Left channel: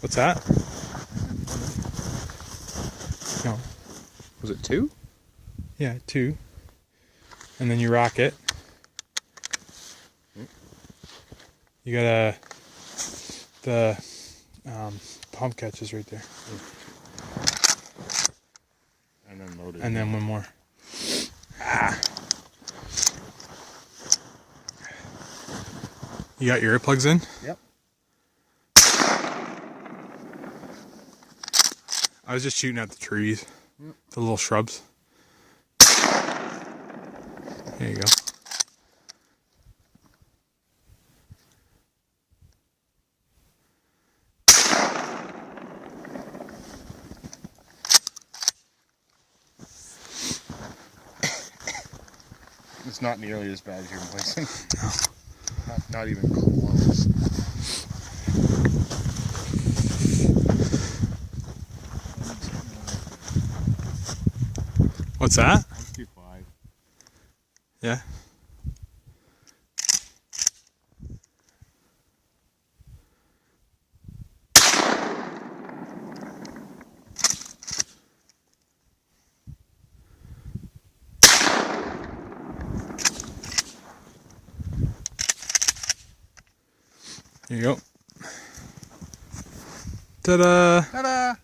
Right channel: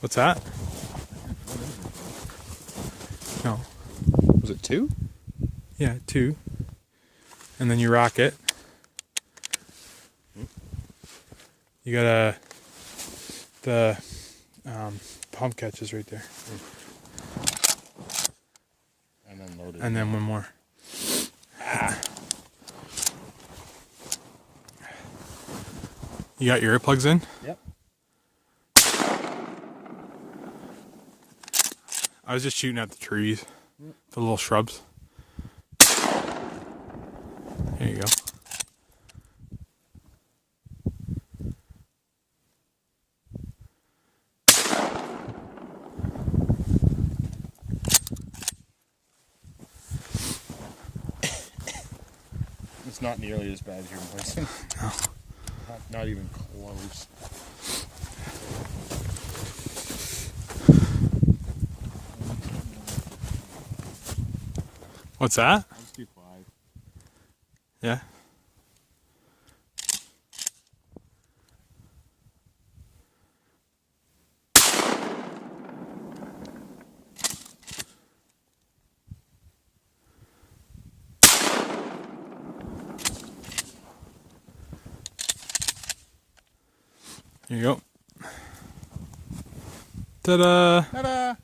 What's that? No. Was it 2? Yeah, 2. And then you rock it. You got the pump catches right there. And then loaded. And then one more. You got your earplugs in? Yep. I was just shooting at the trees, the little shrubs. There you go. It's not nearly as bad as you're voicing. No. Not even close. What's that? Let's do 5. Yeah. Here you go. Ta-da! Ta-da!